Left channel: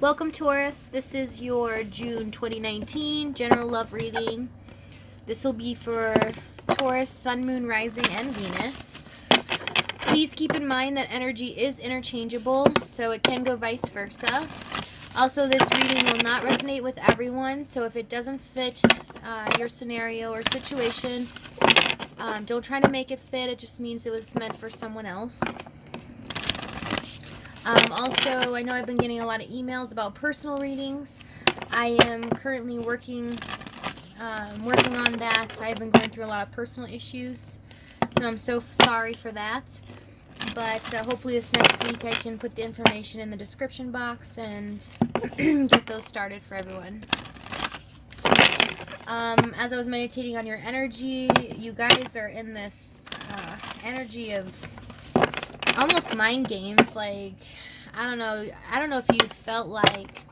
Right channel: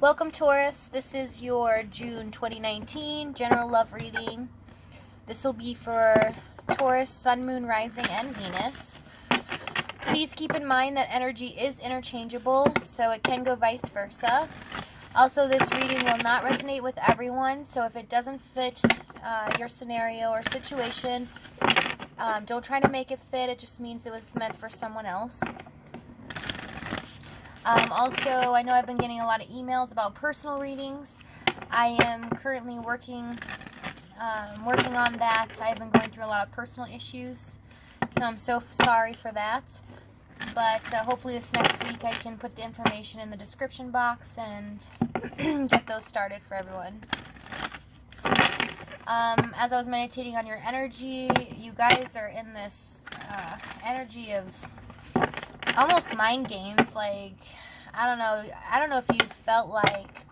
Welcome, Taurus. This is your June 2019 general love reading. This will be for Taurus, Sun, Moon, Rising, and Venus. Please keep in mind that energy is interchangeable, so it can go vice versa. Also, this reading will not resonate with everyone, so if it doesn't fit your scenario or situation, don't try to make it fit. It just means it was meant for someone else. Also, I know I've been getting a lot of emails about personal readings. I am currently working on that. I've been going through a lot of personal issues, so I'm so sorry for that. But hopefully this next week I can put the information in the description box and get those started for everyone. As I was meditating on your energy, you guys are in this energy of almost mind games. Like, I don't know if you felt like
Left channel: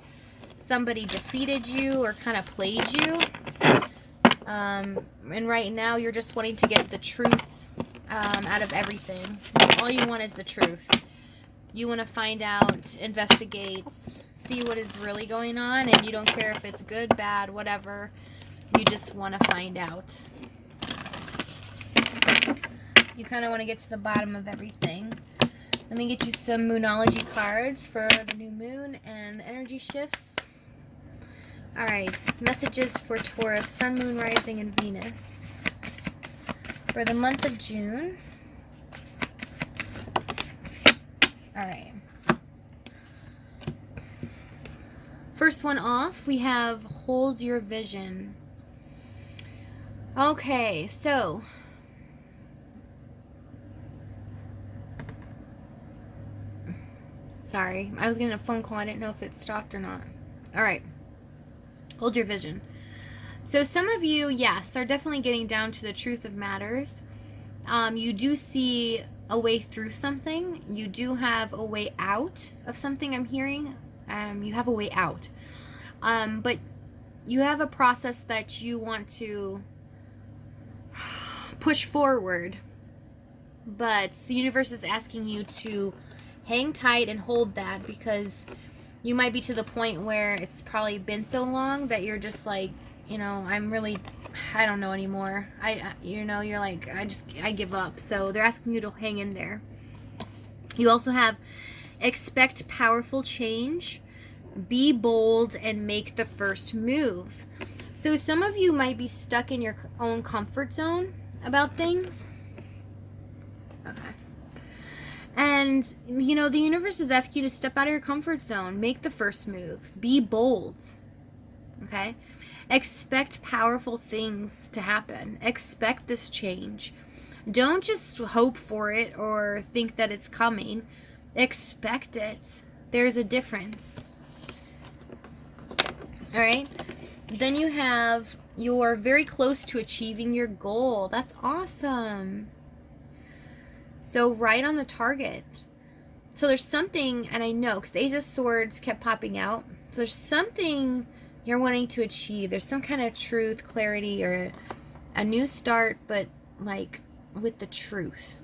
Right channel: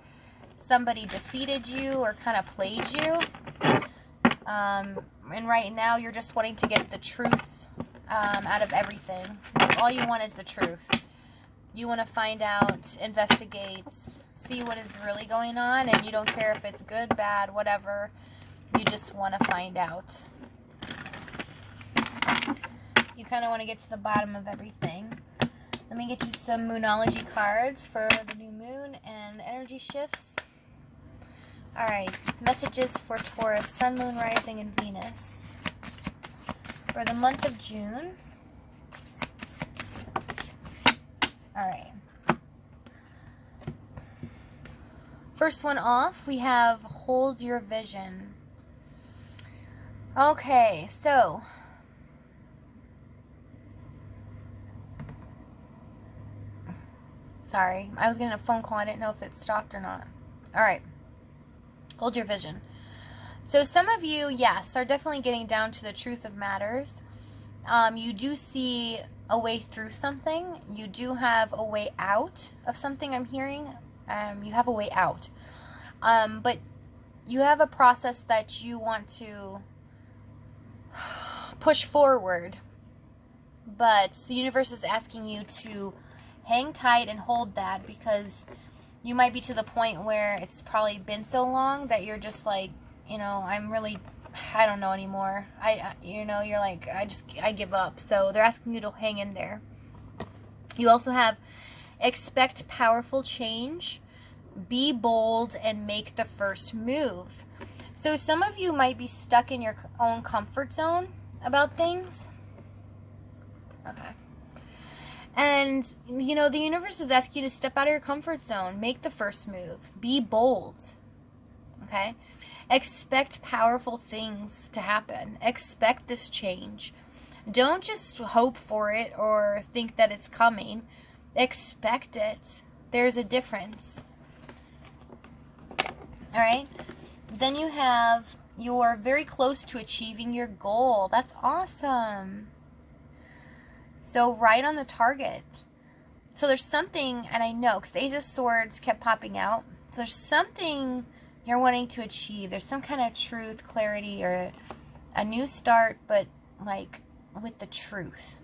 somebody defeated you or kind of played you. And right now you're just wanting to get the truth out of everything. Like, all you want is the truth. You want to find out, investigate, see what is really going on, and you don't care if it's good, bad, whatever. You just want to find out. You kind of want to get to the bottom of everything. Let me get you some Moonology cards for the new moon and the energy shifts. Alright, messages for Taurus, Sun, Moon, Rising, and Venus for the month of June. Alright. First one off, we have Hold Your Vision. Okay, so sorry, I was getting a phone call. I didn't know if it stopped or not. Alright. Hold your vision. So some of you, yes, are definitely getting down to the truth of matters. You do see a way through something. You do have a way out of something, I'm hearing. You have a way out. But you have a process that you want to push forward. But the universe is asking you to hang tight and hold that, because you might be to the point where it's probably been so long that you're just like, I don't know anymore. You're like, I give up. So they're asking you to hang in there. You also have expect powerful change, be bold, and make the first move. So some of you might be stuck in your own comfort zone about things. Okay. And, the universe is asking you to step out of your comfort zone. Make the first move. Be bold. Okay? Expect powerful things to happen. Expect this change. Don't just hope for it or think that it's coming. Expect it. There's a difference. Alright? Then you have, you're very close to achieving your goal. That's awesome. So right on the target. So there's something, and I know, because the Ace of Swords kept popping out. So there's something you're wanting to achieve. There's some kind of truth, clarity, or a new start, but like with the truth.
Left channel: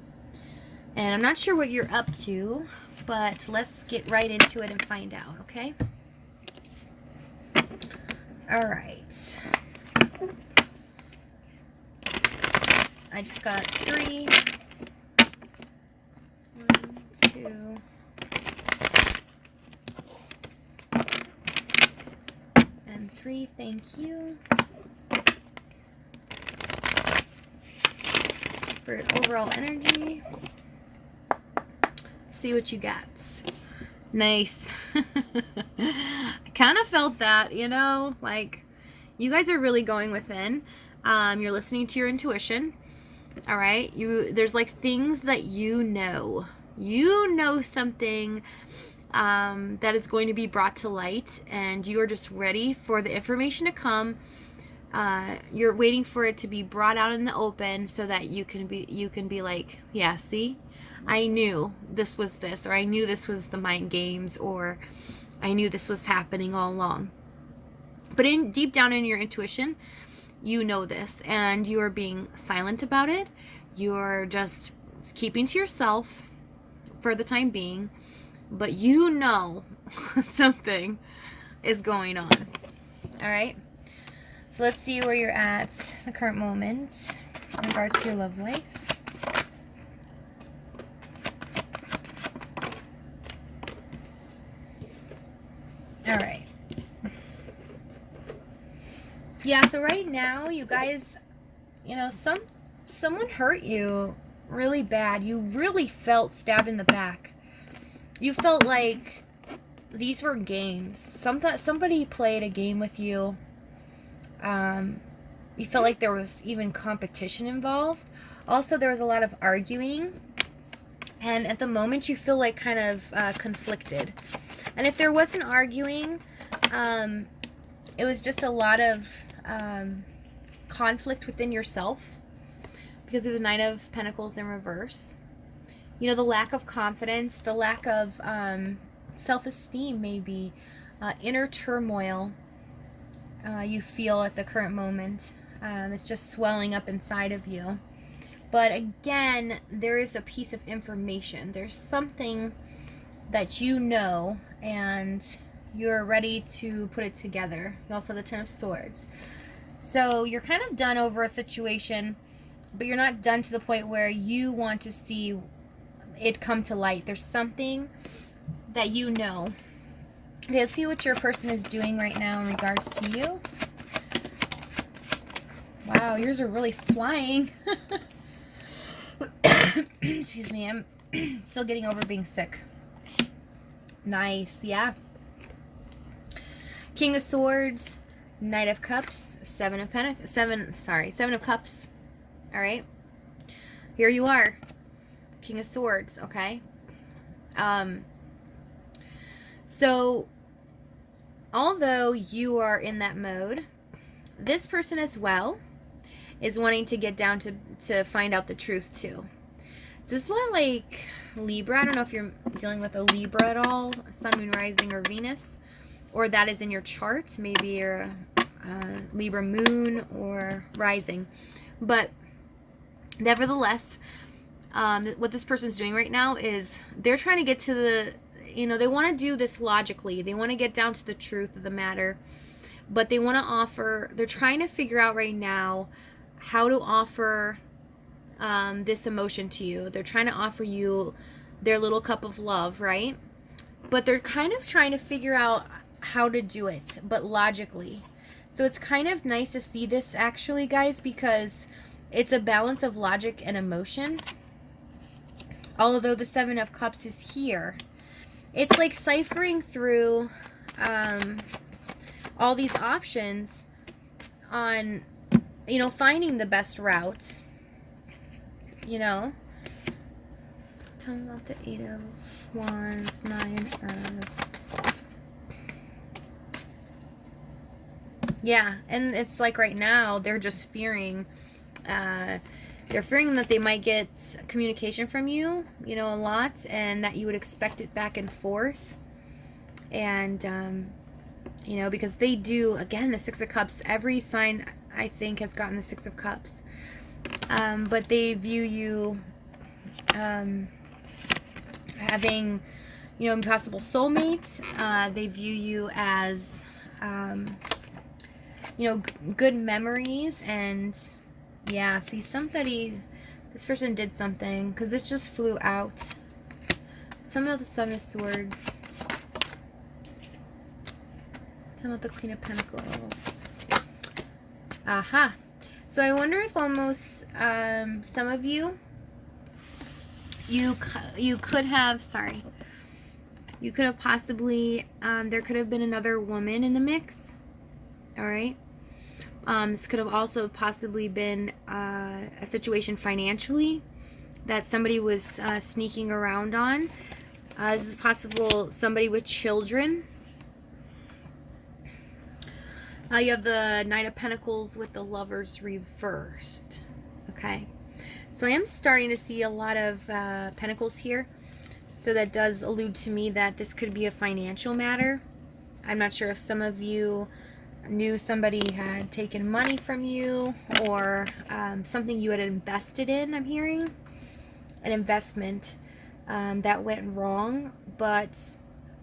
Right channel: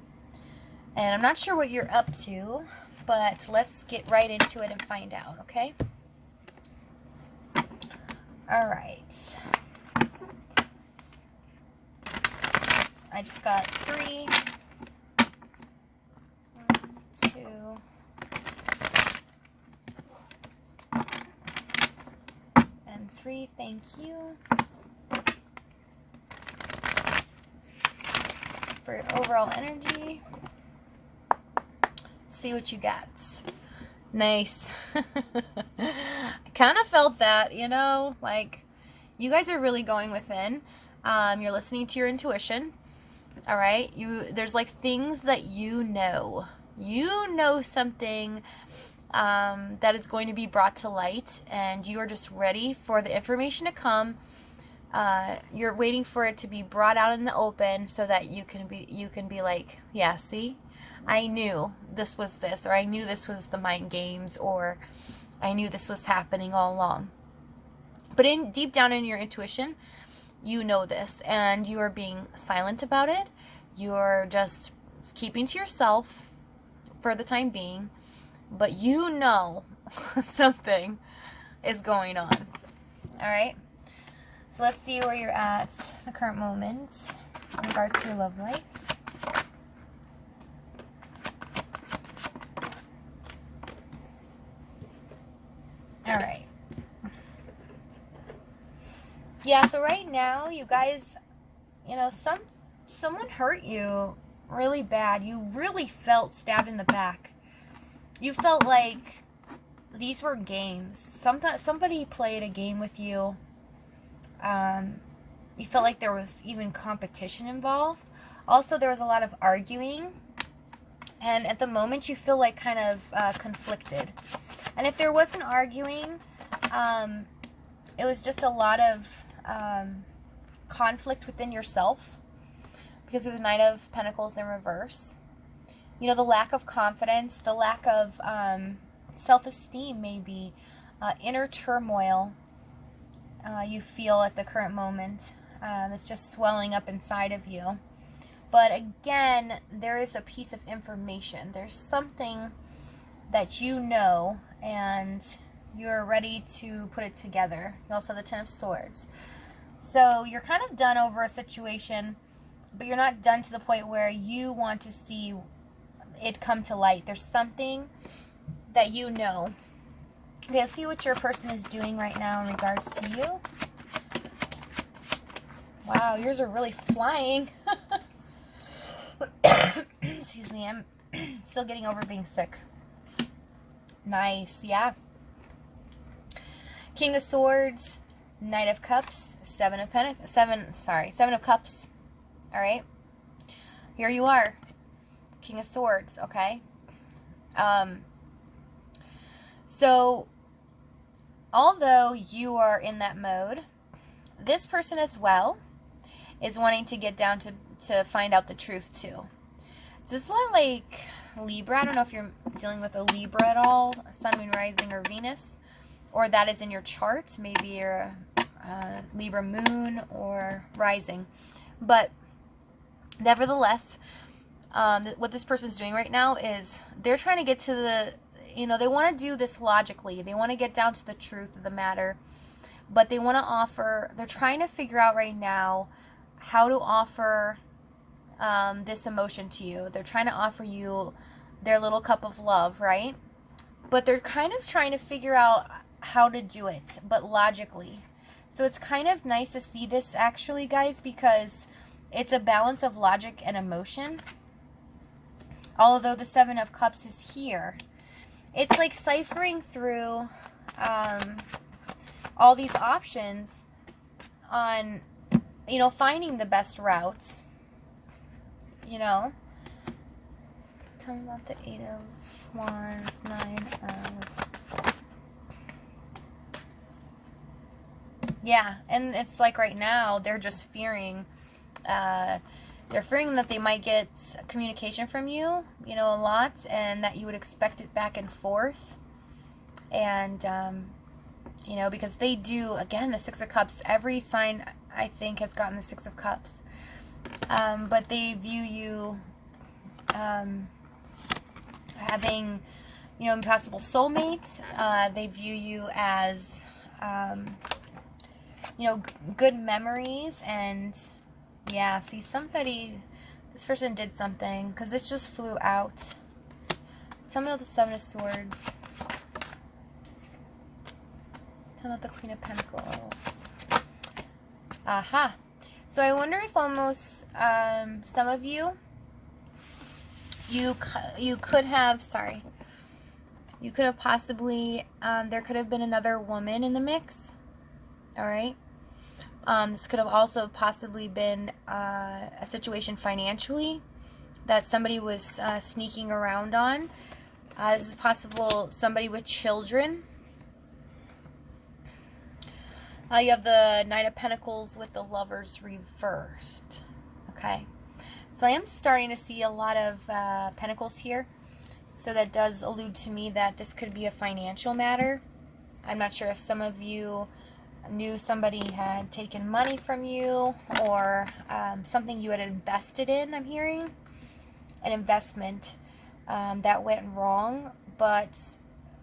And I'm not sure what you're up to, but let's get right into it and find out, okay? All right. I just got 3. 1, 2, and 3. Thank you. For overall energy. Let's see what you got. Nice. I kind of felt that, like you guys are really going within. You're listening to your intuition. All right. There's like things that something that is going to be brought to light, and you are just ready for the information to come. You're waiting for it to be brought out in the open so that you can be like, yeah, see, I knew this was this, or I knew this was the mind games, or I knew this was happening all along. But deep down in your intuition, you know this, and you are being silent about it. You're just keeping to yourself for the time being, but something is going on. All right. So let's see where you're at the current moment in regards to your love life. All right. Yeah, so right now, you guys, you know, someone hurt you really bad. You really felt stabbed in the back. You felt like these were games. Somebody played a game with you. You felt like there was even competition involved. Also, there was a lot of arguing. And at the moment, you feel like kind of conflicted. And if there wasn't arguing, it was just a lot of conflict within yourself because of the Knight of Pentacles in reverse. You know, the lack of confidence, the lack of self-esteem, maybe inner turmoil you feel at the current moment. It's just swelling up inside of you. But again, there is a piece of information. There's something that you know and you're ready to put it together. You also have the Ten of Swords. So you're kind of done over a situation, but you're not done to the point where you want to see it come to light. There's something that you know. Okay, let's see what your person is doing right now in regards to you. Wow, yours are really flying. Excuse me, I'm still getting over being sick. Nice, yeah. King of Swords, Knight of Cups, Seven of Cups. All right. Here you are. King of Swords, okay? So, although you are in that mode, this person as well is wanting to get down to find out the truth too. So it's a lot like Libra. I don't know if you're dealing with a Libra at all, Sun, Moon, Rising, or Venus, or that is in your chart. Maybe you're a Libra Moon or Rising. But nevertheless, what this person's doing right now is they're trying to get to the, you know, they want to do this logically. They want to get down to the truth of the matter. But they want to offer, they're trying to figure out right now how to offer this emotion to you. They're trying to offer you their little cup of love, right? But they're kind of trying to figure out how to do it, but logically. So it's kind of nice to see this actually, guys, because it's a balance of logic and emotion. Although the Seven of Cups is here, it's like ciphering through all these options on, you know, finding the best route, you know. Tell me about the Eight of Wands, Nine of... Yeah, and it's like right now, they're just fearing, that they might get communication from you, you know, a lot, and that you would expect it back and forth. And, you know, because they do, again, the Six of Cups, every sign, I think, has gotten the Six of Cups. But they view you having, you know, impossible soulmates. They view you as, you know, good memories. And, yeah, see, this person did something, because it just flew out. Some of the Seven of Swords. Tell me about the Queen of Pentacles. Aha. So I wonder if almost some of you, you could have possibly, there could have been another woman in the mix. All right. This could have also possibly been a situation financially that somebody was sneaking around on. This is possible somebody with children. You have the Knight of Pentacles with the Lovers reversed. Okay. So I am starting to see a lot of Pentacles here. So that does allude to me that this could be a financial matter. I'm not sure if some of you knew somebody had taken money from you, or something you had invested in. I'm hearing an investment that went wrong, but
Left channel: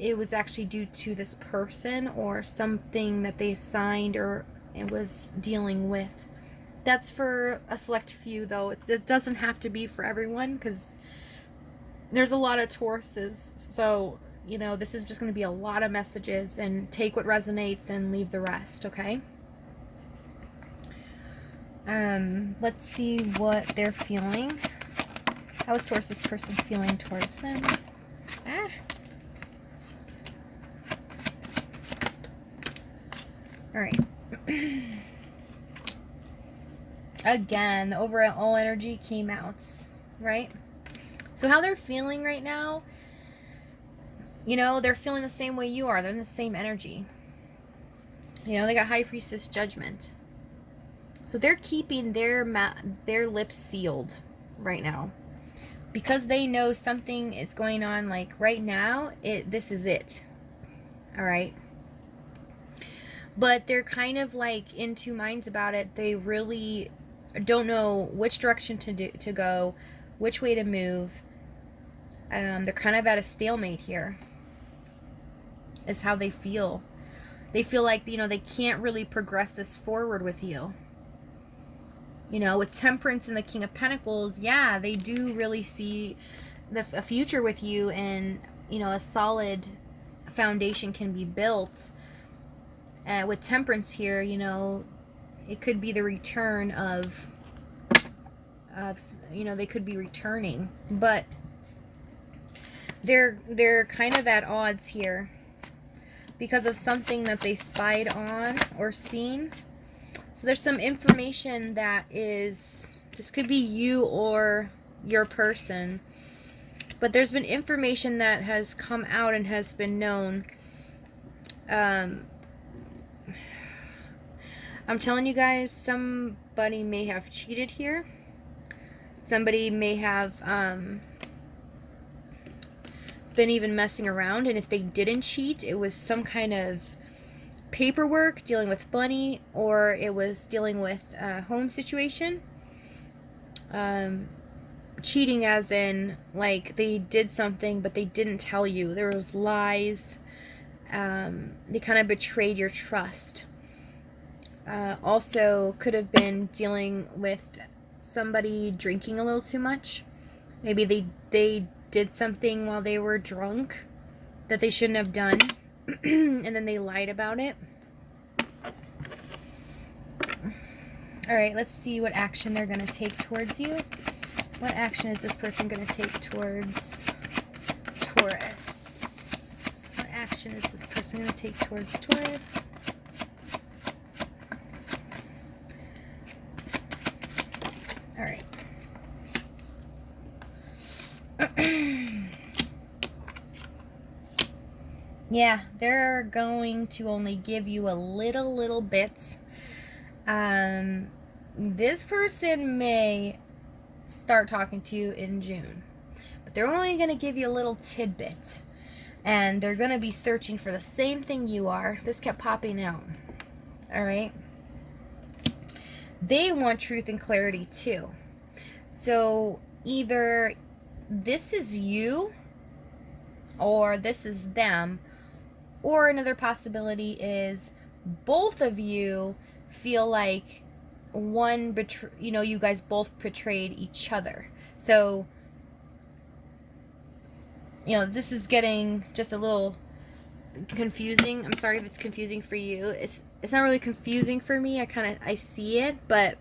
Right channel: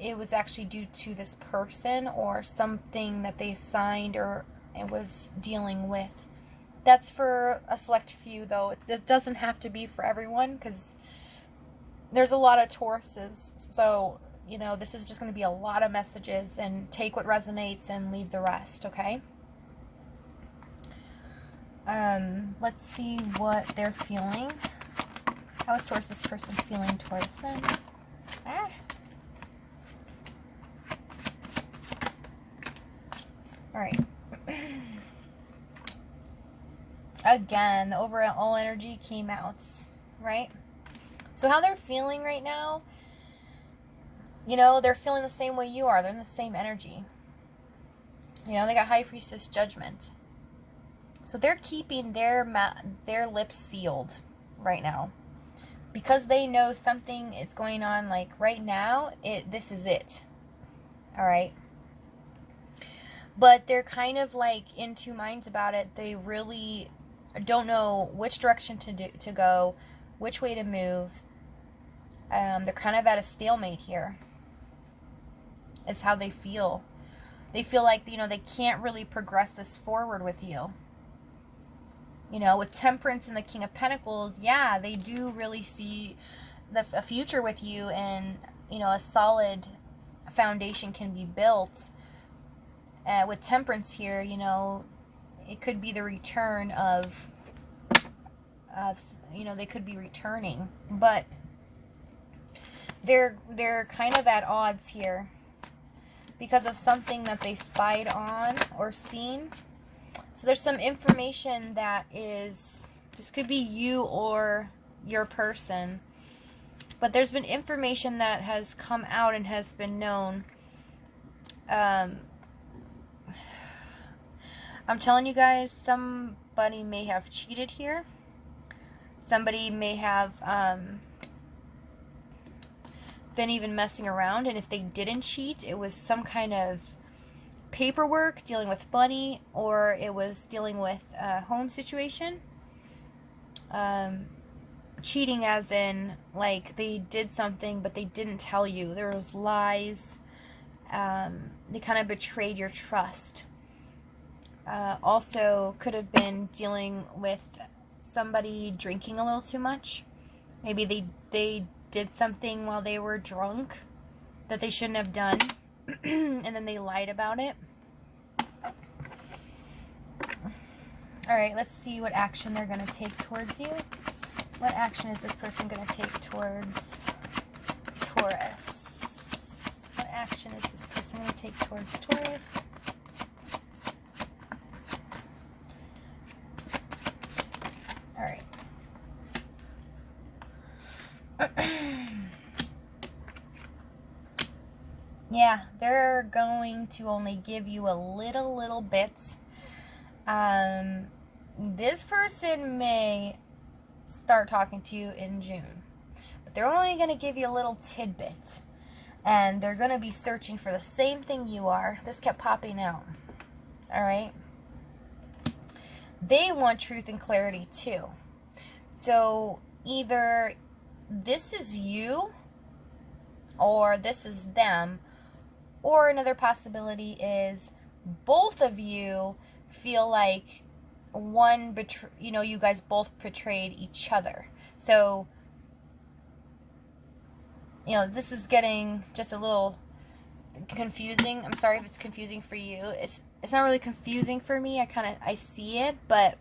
it was actually due to this person or something that they signed or it was dealing with. That's for a select few, though. It doesn't have to be for everyone, because there's a lot of Tauruses. So, you know, this is just going to be a lot of messages, and take what resonates and leave the rest, okay? Let's see what they're feeling. How is Taurus's person feeling towards them? All right. Again, the overall energy came out, right? So how they're feeling right now, you know, they're feeling the same way you are. They're in the same energy. You know, they got High Priestess Judgment. So they're keeping their lips sealed right now, because they know something is going on. Like right now, this is it. All right. But they're kind of like in two minds about it. They really don't know which direction to go, which way to move. They're kind of at a stalemate here, is how they feel. They feel like, you know, they can't really progress this forward with you. You know, with Temperance and the King of Pentacles, yeah, they do really see a future with you, and, you know, a solid foundation can be built. With Temperance here, you know, it could be the return of, you know, they could be returning, but they're kind of at odds here because of something that they spied on or seen. So there's some information that is, this could be you or your person, but there's been information that has come out and has been known. I'm telling you guys, somebody may have cheated here. Somebody may have been even messing around, and if they didn't cheat, it was some kind of paperwork dealing with money, or it was dealing with a home situation. Cheating as in, like, they did something but they didn't tell you. There was lies. They kind of betrayed your trust. Also could have been dealing with somebody drinking a little too much. Maybe they did something while they were drunk that they shouldn't have done, and then they lied about it. All right, let's see what action they're going to take towards you. What action is this person going to take towards Taurus? What action is this person going to take towards Taurus? All right. Yeah, they're going to only give you a little bits. This person may start talking to you in June, but they're only going to give you a little tidbit, and they're going to be searching for the same thing you are. This kept popping out. All right. They want truth and clarity too. So either this is you or this is them, or another possibility is both of you feel like you guys both betrayed each other. So, you know, this is getting just a little confusing. I'm sorry if it's confusing for you. It's not really confusing for me. I see it, but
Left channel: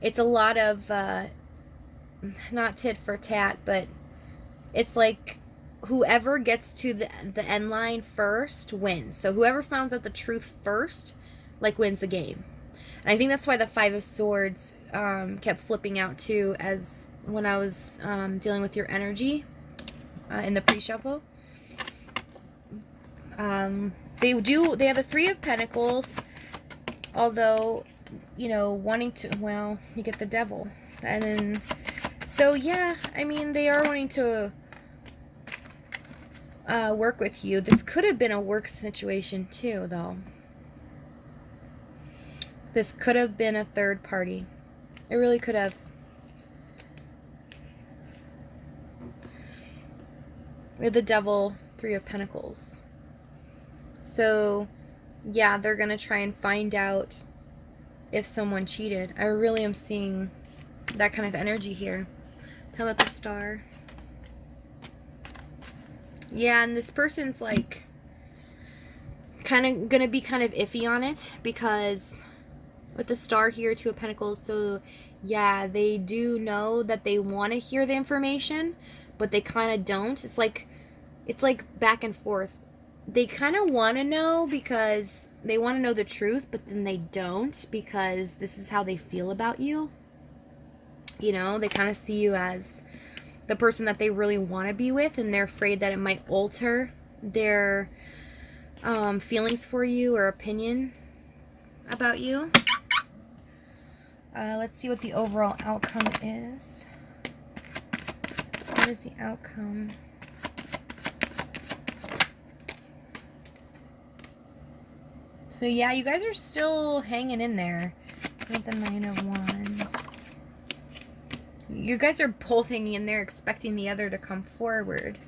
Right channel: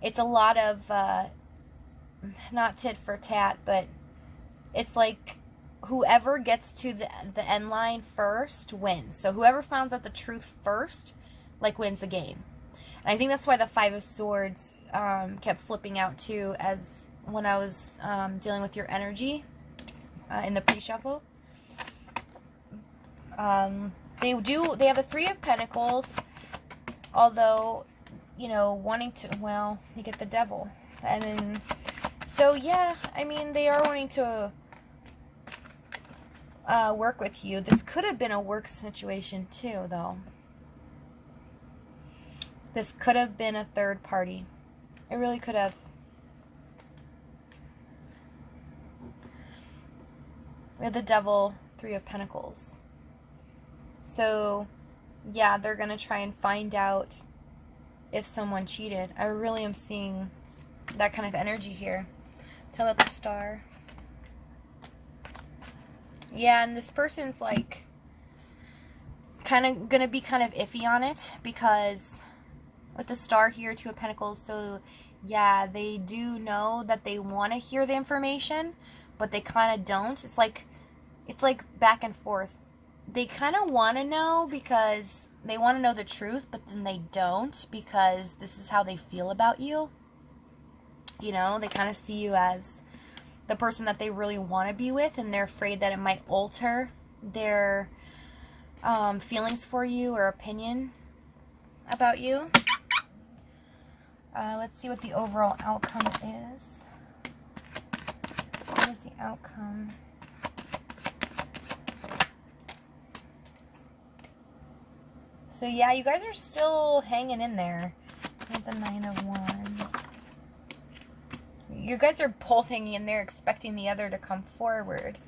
it's a lot of not tit for tat, but it's like whoever gets to the end line first wins. So whoever finds out the truth first, like, wins the game. And I think that's why the Five of Swords kept flipping out too, as when I was dealing with your energy in the pre-shuffle. They have a Three of Pentacles, although, you know, wanting to, well, you get the Devil. And then, so yeah, I mean, they are wanting to work with you. This could have been a work situation too, though. This could have been a third party. It really could have. With the Devil, Three of Pentacles. So, yeah, they're going to try and find out if someone cheated. I really am seeing that kind of energy here. Tell about the Star. Yeah, and this person's like kind of going to be kind of iffy on it because with the Star here, Two of Pentacles, so yeah, they do know that they want to hear the information, but they kind of don't. It's like back and forth. They kind of want to know because they want to know the truth, but then they don't because this is how they feel about you. You know, they kind of see you as the person that they really want to be with, and they're afraid that it might alter their feelings for you or opinion about you. Let's see what the overall outcome is. What is the outcome? So yeah, you guys are still hanging in there. With the Nine of Wands. You guys are both hanging in there, expecting the other to come forward.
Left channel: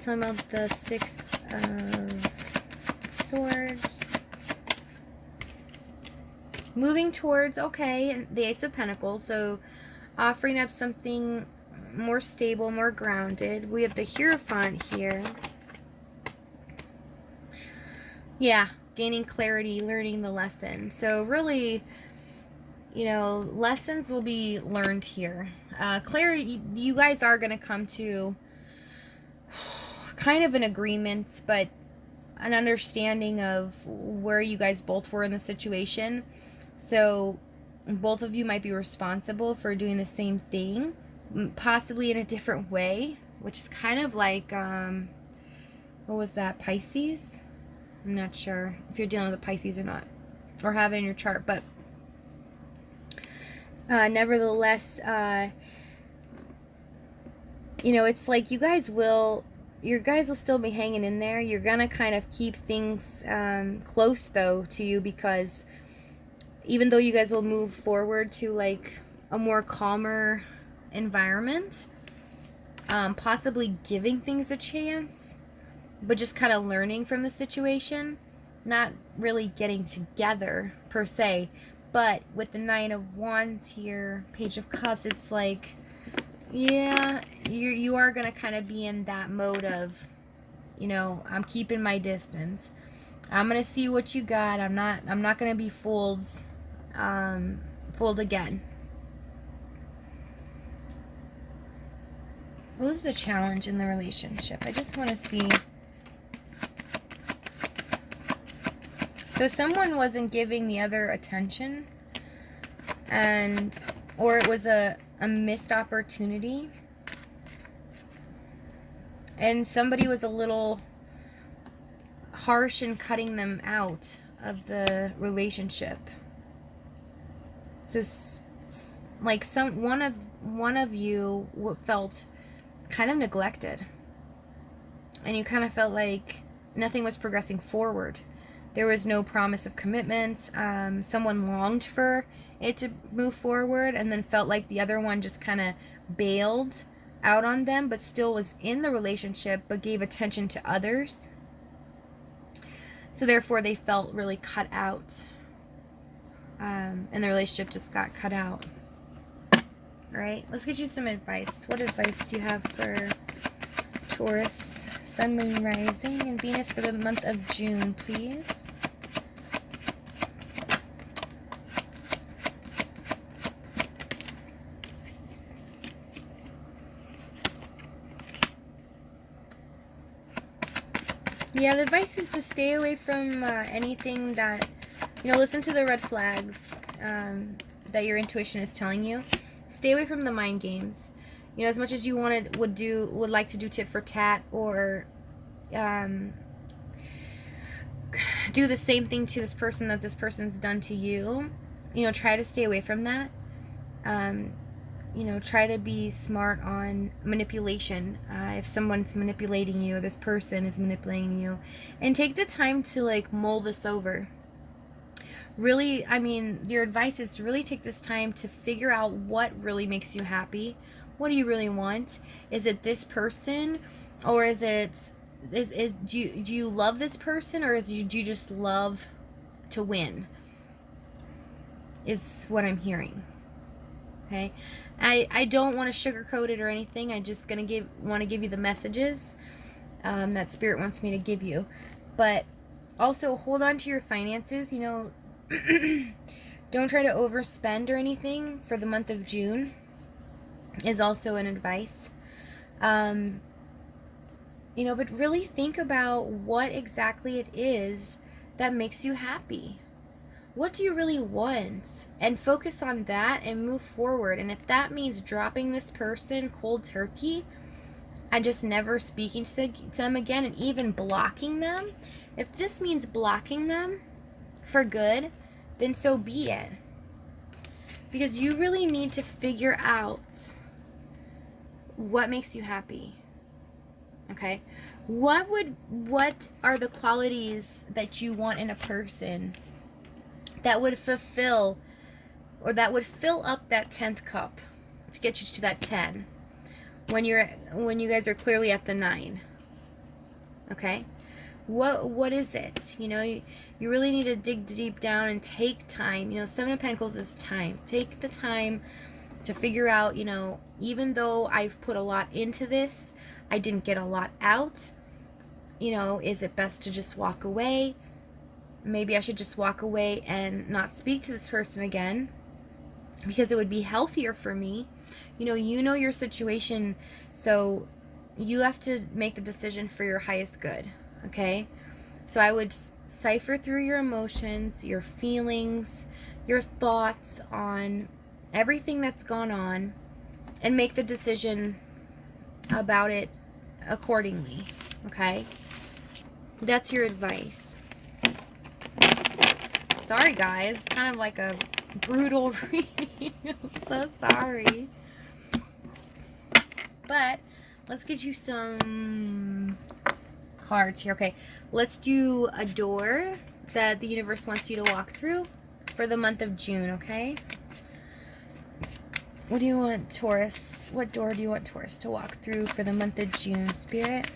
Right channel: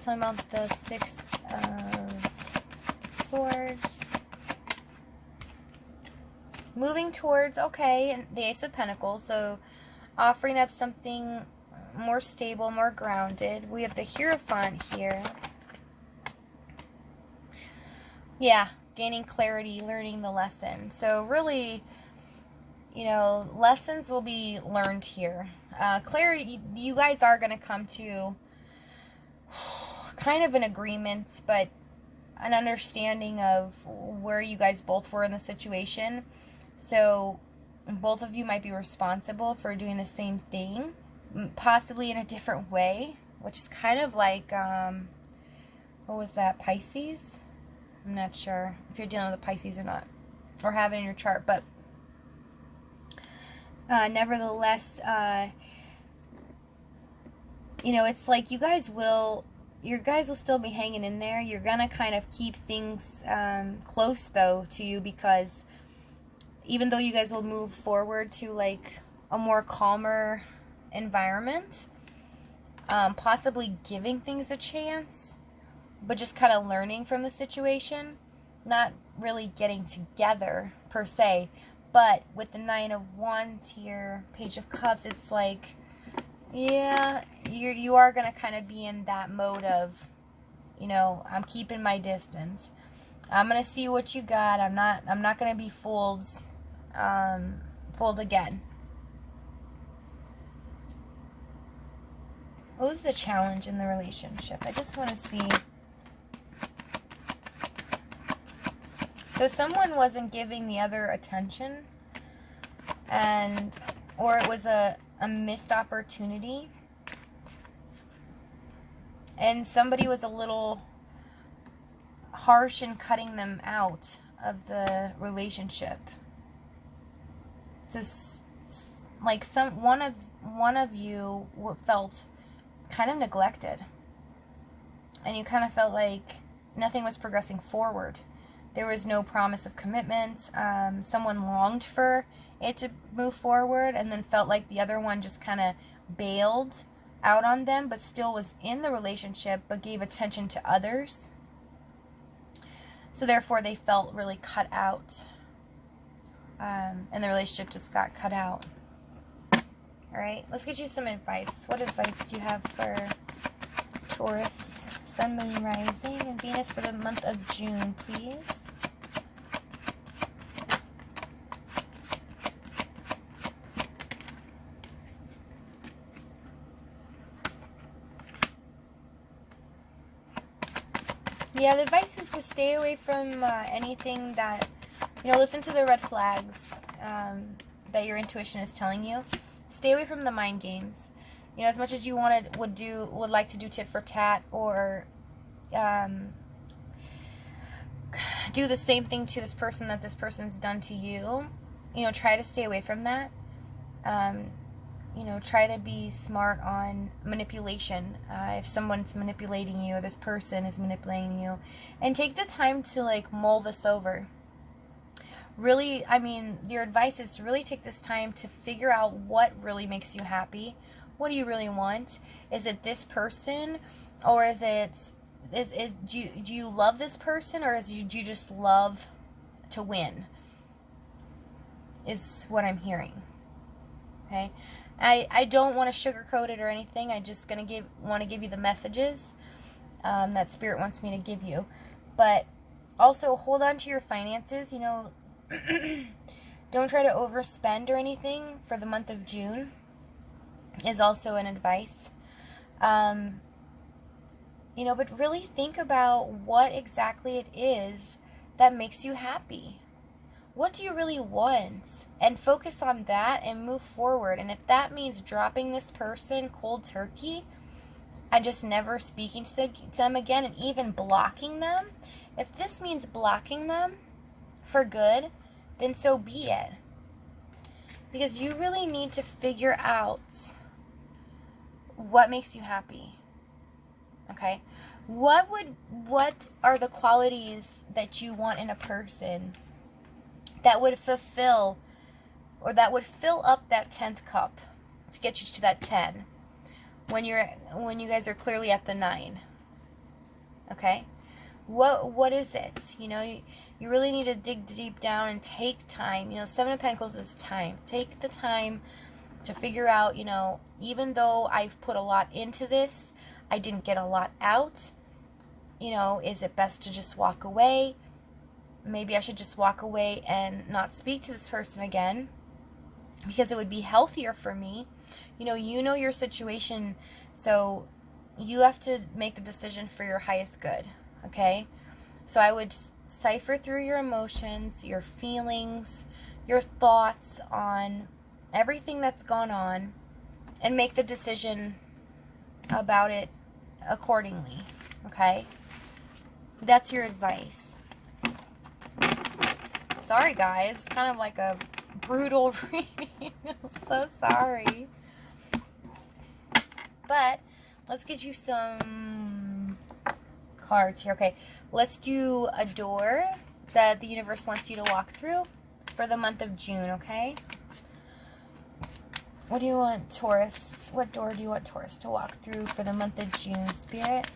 Tell me about the Six of Swords. Moving towards, okay, and the Ace of Pentacles. So offering up something more stable, more grounded. We have the Hierophant here. Yeah, gaining clarity, learning the lesson. So really, you know, lessons will be learned here. Clarity, you guys are going to come to kind of an agreement, but an understanding of where you guys both were in the situation. So both of you might be responsible for doing the same thing, possibly in a different way, which is kind of like, what was that, Pisces? I'm not sure if you're dealing with a Pisces or not, or have it in your chart, but nevertheless, you know, it's like you guys will still be hanging in there. You're gonna kind of keep things close though to you, because even though you guys will move forward to like a more calmer environment, possibly giving things a chance, but just kind of learning from the situation, not really getting together per se. But with the Nine of Wands here, Page of Cups, it's like, yeah, you are going to kind of be in that mode of, you know, I'm keeping my distance. I'm going to see what you got. I'm not going to be fooled again. What was the challenge in the relationship? I just want to see. So someone wasn't giving the other attention, or it was a missed opportunity, and somebody was a little harsh in cutting them out of the relationship. So like one of you felt kind of neglected, and you kind of felt like nothing was progressing forward. There was no promise of commitment. Someone longed for it to move forward, and then felt like the other one just kind of bailed out on them, but still was in the relationship, but gave attention to others. So therefore they felt really cut out. And the relationship just got cut out. All right, let's get you some advice. What advice do you have for Taurus, Sun, Moon, Rising, and Venus for the month of June, please? Yeah, the advice is to stay away from anything that, you know, listen to the red flags that your intuition is telling you. Stay away from the mind games. You know, as much as you would like to do tit for tat, or do the same thing to this person that this person's done to you. You know, try to stay away from that. You know, try to be smart on manipulation. If someone's manipulating you, or this person is manipulating you, and take the time to like mull this over. Really, I mean, your advice is to really take this time to figure out what really makes you happy. What do you really want? Is it this person, or is it Do you love this person, or do you just love to win? Is what I'm hearing. Okay, I don't want to sugarcoat it or anything. I just want to give you the messages that Spirit wants me to give you. But also hold on to your finances. You know, don't try to overspend or anything for the month of June. Is also an advice. You know, but really think about what exactly it is that makes you happy. What do you really want? And focus on that and move forward. And if that means dropping this person cold turkey and just never speaking to them again and even blocking them, if this means blocking them for good, then so be it. Because you really need to figure out what makes you happy. Okay? What are the qualities that you want in a person that would fulfill, or that would fill up that 10th cup to get you to that 10 when you guys are clearly at the 9? Okay? What is it? You know, you really need to dig deep down and take time. You know, 7 of Pentacles is time. Take the time to figure out, you know, even though I've put a lot into this, I didn't get a lot out. You know, is it best to just walk away? Maybe I should just walk away and not speak to this person again because it would be healthier for me. You know your situation, so you have to make the decision for your highest good, okay? So I would cipher through your emotions, your feelings, your thoughts on everything that's gone on and make the decision about it accordingly, okay? That's your advice. Sorry, guys. Kind of like a brutal reading. I'm so sorry. But let's get you some cards here. Okay, let's do a door that the universe wants you to walk through for the month of June, okay? What do you want, Taurus? What door do you want Taurus to walk through for the month of June, Spirit?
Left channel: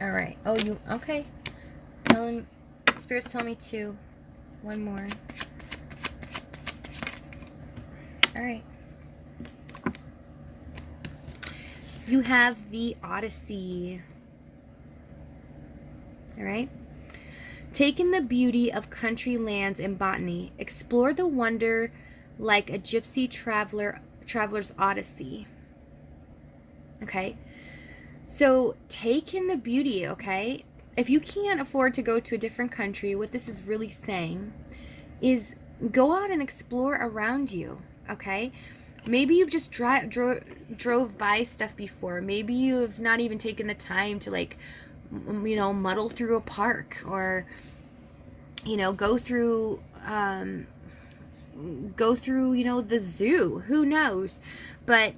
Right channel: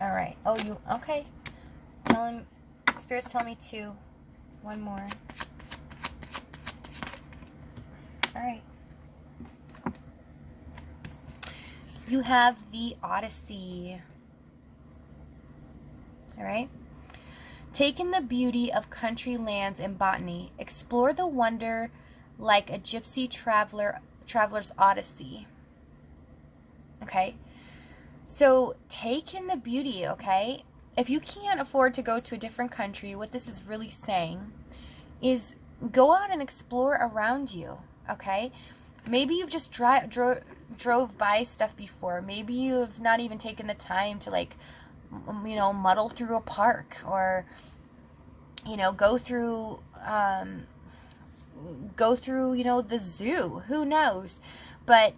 All right. Oh, okay. Spirit's telling me 2. One more. All right. You have the Odyssey. All right. Take in the beauty of country lands and botany. Explore the wonder like a gypsy traveler's odyssey. Okay. So take in the beauty, okay? If you can't afford to go to a different country, what this is really saying is go out and explore around you, okay? Maybe you've just drove by stuff before. Maybe you have not even taken the time to, like, you know, muddle through a park or, you know, go through, you know, the zoo. Who knows? But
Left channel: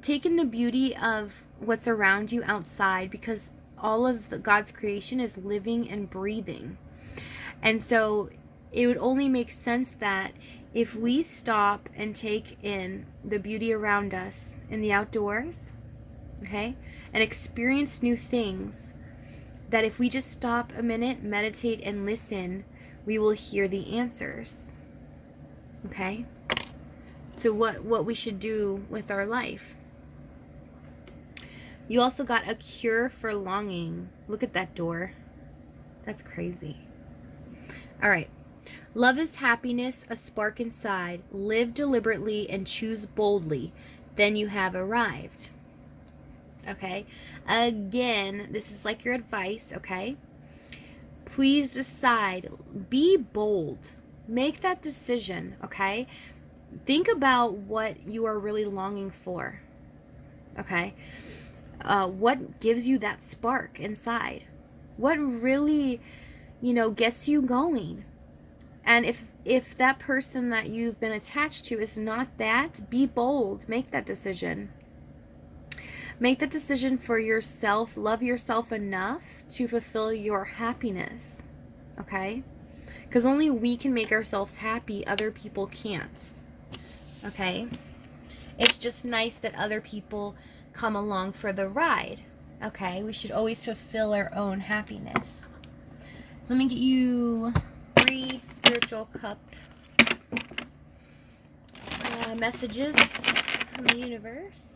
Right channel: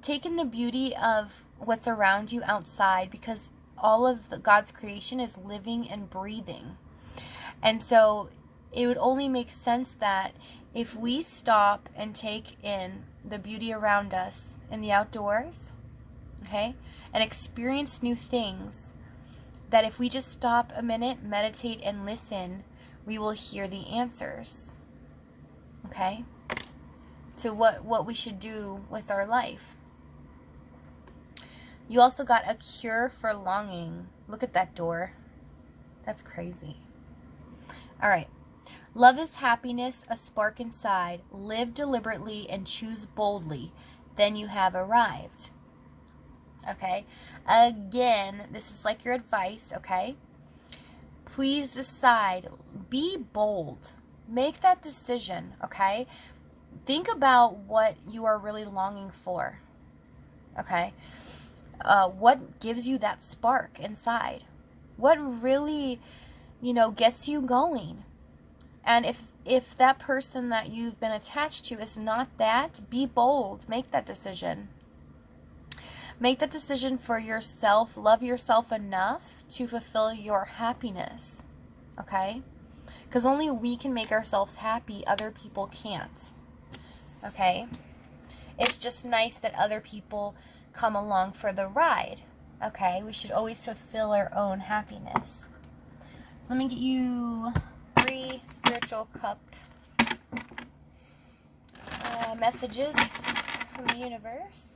take in the beauty of what's around you outside, because all of God's creation is living and breathing. And so it would only make sense that if we stop and take in the beauty around us in the outdoors, okay, and experience new things, that if we just stop a minute, meditate, and listen, we will hear the answers, okay, to what we should do with our life. You also got a cure for longing. Look at that door. That's crazy. All right. Love is happiness, a spark inside. Live deliberately and choose boldly. Then you have arrived. Okay. Again, this is like your advice, okay? Please decide. Be bold. Make that decision, okay? Think about what you are really longing for, okay? What gives you that spark inside? What really, you know, gets you going? And if that person that you've been attached to is not that, be bold. Make that decision. Make that decision for yourself. Love yourself enough to fulfill your happiness. Okay? Because only we can make ourselves happy. Other people can't. Okay? It's just nice that other people come along for the ride. Okay, we should always fulfill our own happiness. So let me get you 3 spiritual cup messages from the universe.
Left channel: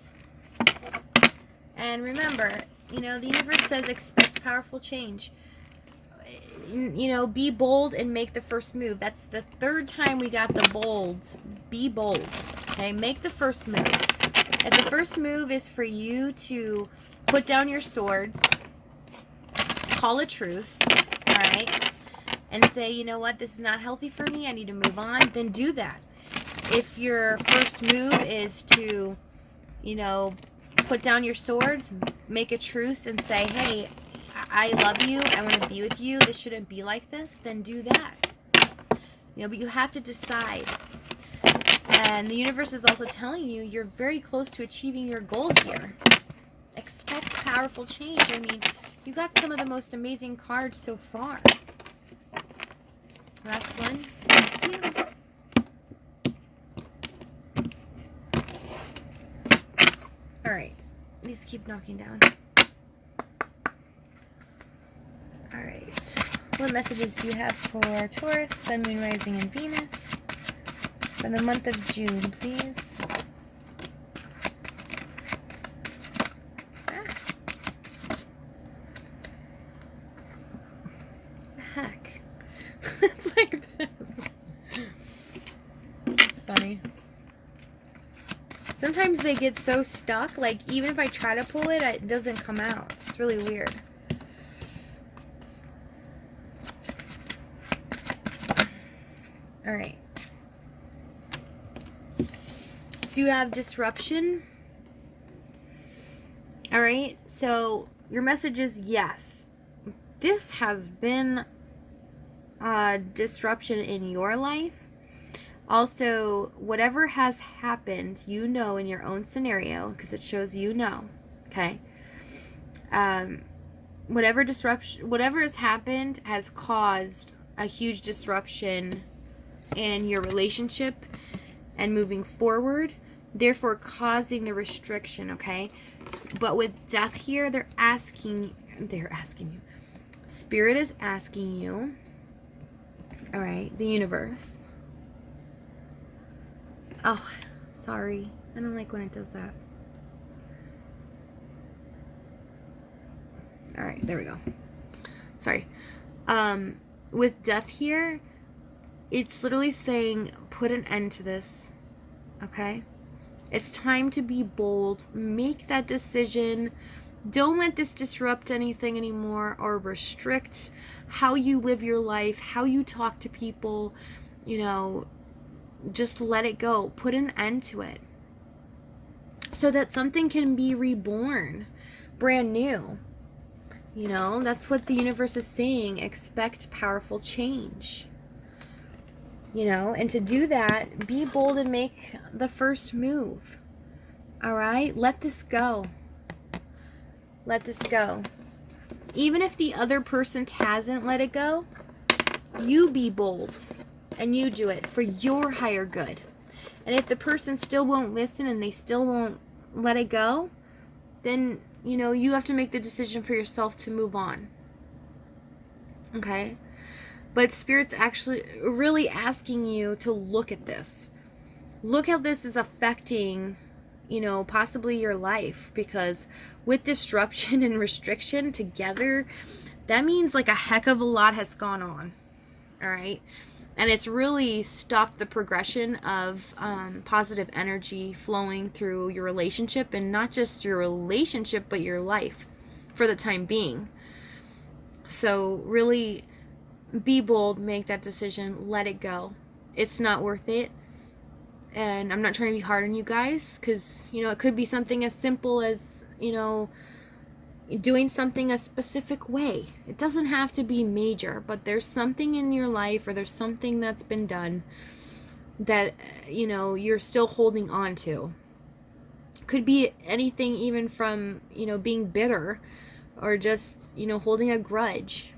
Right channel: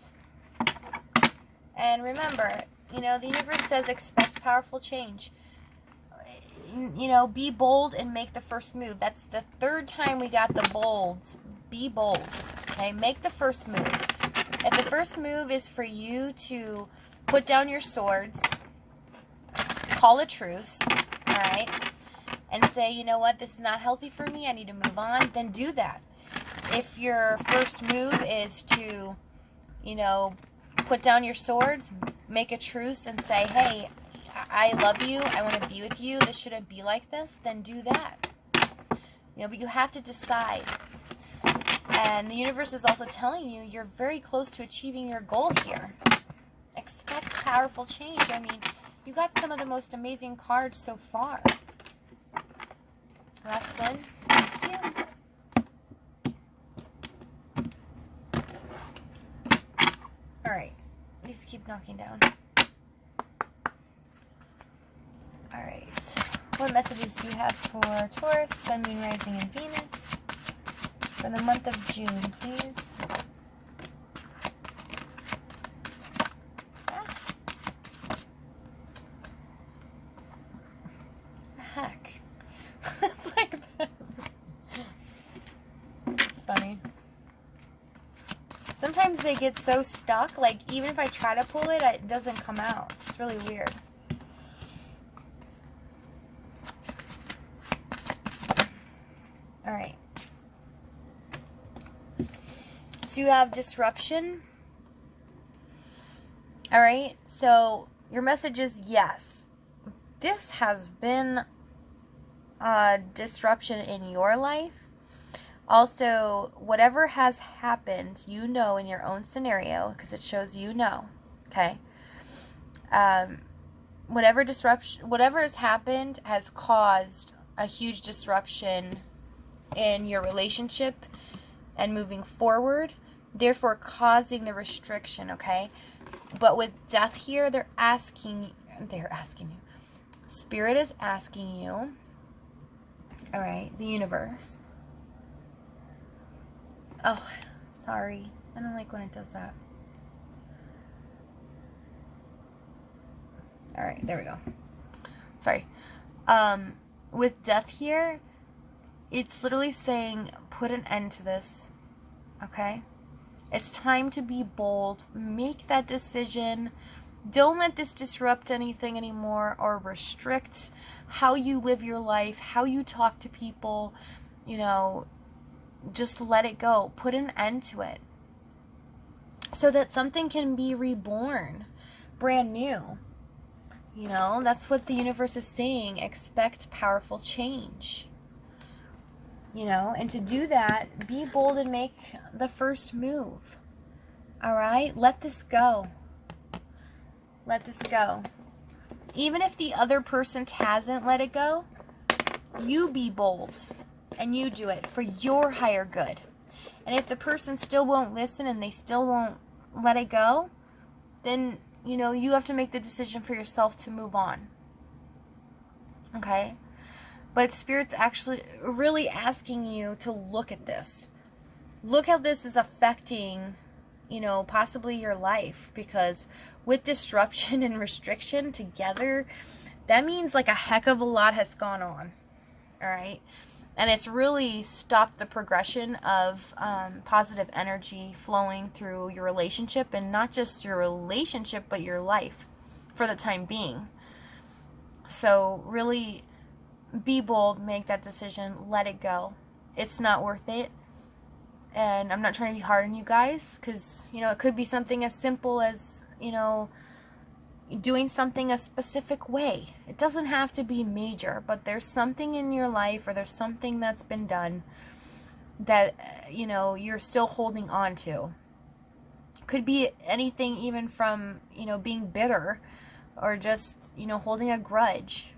And remember, you know, the universe says expect powerful change. You know, be bold and make the first move. That's the 3rd time we got the bold. Be bold. Okay, make the first move. If the first move is for you to put down your swords, call a truce, all right, and say, you know what, this is not healthy for me, I need to move on, then do that. If your first move is to, you know, put down your swords, make a truce and say, hey, I love you, I want to be with you, this shouldn't be like this, then do that. You know, but you have to decide. And the universe is also telling you you're very close to achieving your goal here. Expect powerful change. I mean, you got some of the most amazing cards so far. Last one. Thank you. All right. These keep knocking down. All right. What messages do you have for Taurus, Sun, Moon, Rising, and Venus for the month of June, please? The heck? It's like this. It's funny. Sometimes they get so stuck, like even if I try to pull it, it doesn't come out. It's really weird. All right. So you have disruption. All right. So your message is yes. This has been a disruption in your life. Also, whatever has happened, you know, in your own scenario, because it shows you know, okay? Whatever disruption, whatever has happened has caused a huge disruption in your relationship and moving forward, therefore causing the restriction, okay? But with death here, they're asking you. Spirit is asking you, all right, the universe. Oh, sorry. I don't like when it does that. All right, there we go. Sorry. With death here, it's literally saying put an end to this, okay? It's time to be bold. Make that decision. Don't let this disrupt anything anymore or restrict how you live your life, how you talk to people, you know. Just let it go. Put an end to it so that something can be reborn, brand new. You know, that's what the universe is saying. Expect powerful change. You know, and to do that, be bold and make the first move. All right? Let this go. Let this go. Even if the other person hasn't let it go, you be bold. And you do it for your higher good. And if the person still won't listen and they still won't let it go, then, you know, you have to make the decision for yourself to move on. Okay? But Spirit's actually really asking you to look at this. Look how this is affecting, you know, possibly your life. Because with disruption and restriction together, that means like a heck of a lot has gone on. All right? And it's really stopped the progression of positive energy flowing through your relationship, and not just your relationship, but your life for the time being. So really be bold, make that decision, let it go. It's not worth it. And I'm not trying to be hard on you guys, because, you know, it could be something as simple as, you know, doing something a specific way. It doesn't have to be major, but there's something in your life, or there's something that's been done that, you know, you're still holding on to. Could be anything, even from, you know, being bitter, or just, you know, holding a grudge.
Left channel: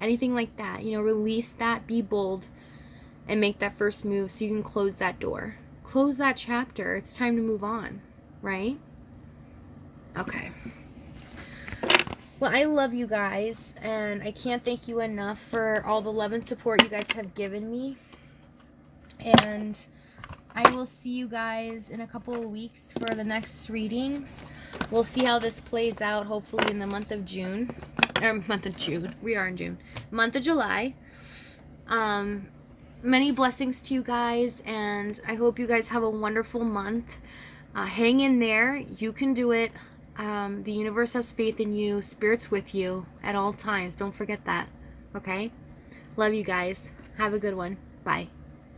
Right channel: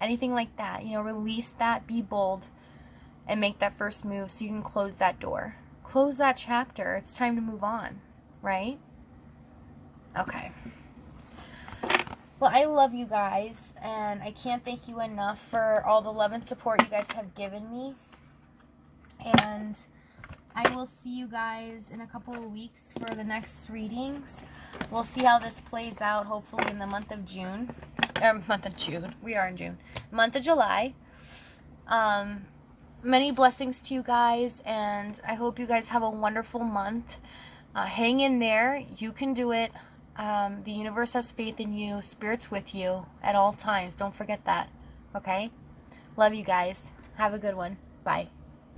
Anything like that. You know, release that, be bold, and make that first move so you can close that door. Close that chapter. It's time to move on, right? Okay. Well, I love you guys, and I can't thank you enough for all the love and support you guys have given me. And I will see you guys in a couple of weeks for the next readings. We'll see how this plays out, hopefully in the month of June. Month of June. We are in June. Month of July. Many blessings to you guys, and I hope you guys have a wonderful month. Hang in there. You can do it. The universe has faith in you. Spirit's with you at all times. Don't forget that. Okay? Love you guys. Have a good one. Bye.